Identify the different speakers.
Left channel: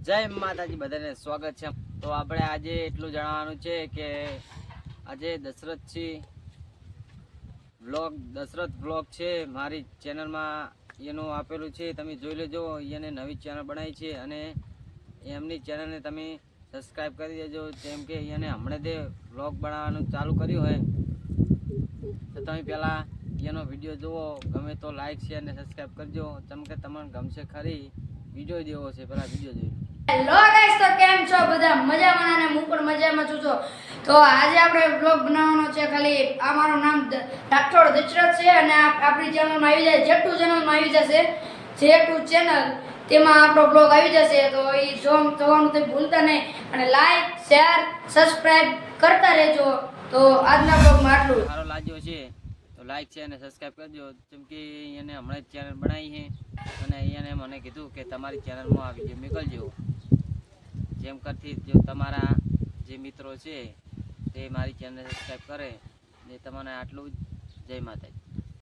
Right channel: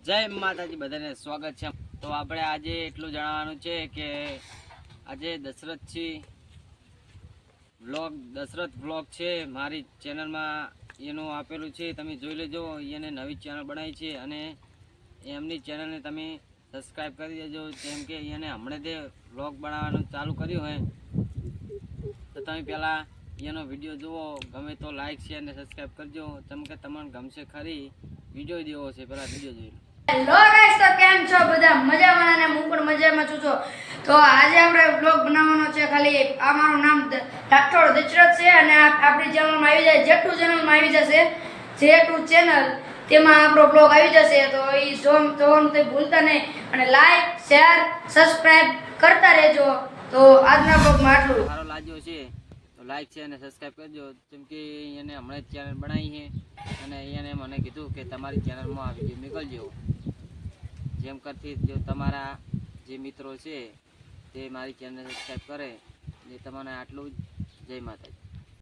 Speaker 1: જય માતાજી, બધાને સ્વાગત છે. તો આપણે આજે એટલું જણાવવાનું છે કે આજે દશરથજી વ્લોગ, દશરથ વ્લોગ છે. મારી ચેનલમાં એનું આપેલું છે, તમે જોઈ લેજો. એને નવી ચેનલ બનાવી છે અને એમની ચેનલને તમે સબસ્ક્રાઈબ કરી દેજો. જેમ કે એને હમણાં તે વ્લોગ બનાવવાનું ચાલુ કર્યું હોય, તો તમે પહેલાં એનો વીડિયો જુઓ. ગમે તો લાઈક શેર અને સબસ્ક્રાઈબ કરજો. જેમ કે તમને ગમશે ખરી. વીડિયો જેવો છે પહેલાં વીડિયો જોઈ.
Speaker 2: હેલો ગાઈસ તો કેમ છો? બધા મજામાં અને હું પણ મજામાં છું છો તો આજે આપણે બ્લોગ બનાવવાનો છે. ખાલી આ મારું નામ રાઠોડ દશરથ છે અને આપણી ચેનલમાં આવી જાય જેટુ ચેનલમાં આવી જશે. જેટુ ચેનલ તેમાં આપણો બ્લોગ આવી જશે. તો એ જોવાનું તો ભૂલતા નહીં. અને લાઈક શેર સબસ્ક્રાઇબ કરતા રહેજો. તો આજના બ્લોગમાં આટલું.
Speaker 1: છે. તો લાઈક છે અને સબસ્ક્રાઈબ કરજો. જેમ કે એને હમણાં જ ચેનલ બનાવી છે અને એને મને કીધું કે તમારી ચેનલમાં આ વીડિયો મોકલજો. જેમ કરતી જો તમારા જે મિત્રો છે તે મારી ચેનલ સબસ્ક્રાઈબ કરે એ તમને આટલું જ. જય માતાજી.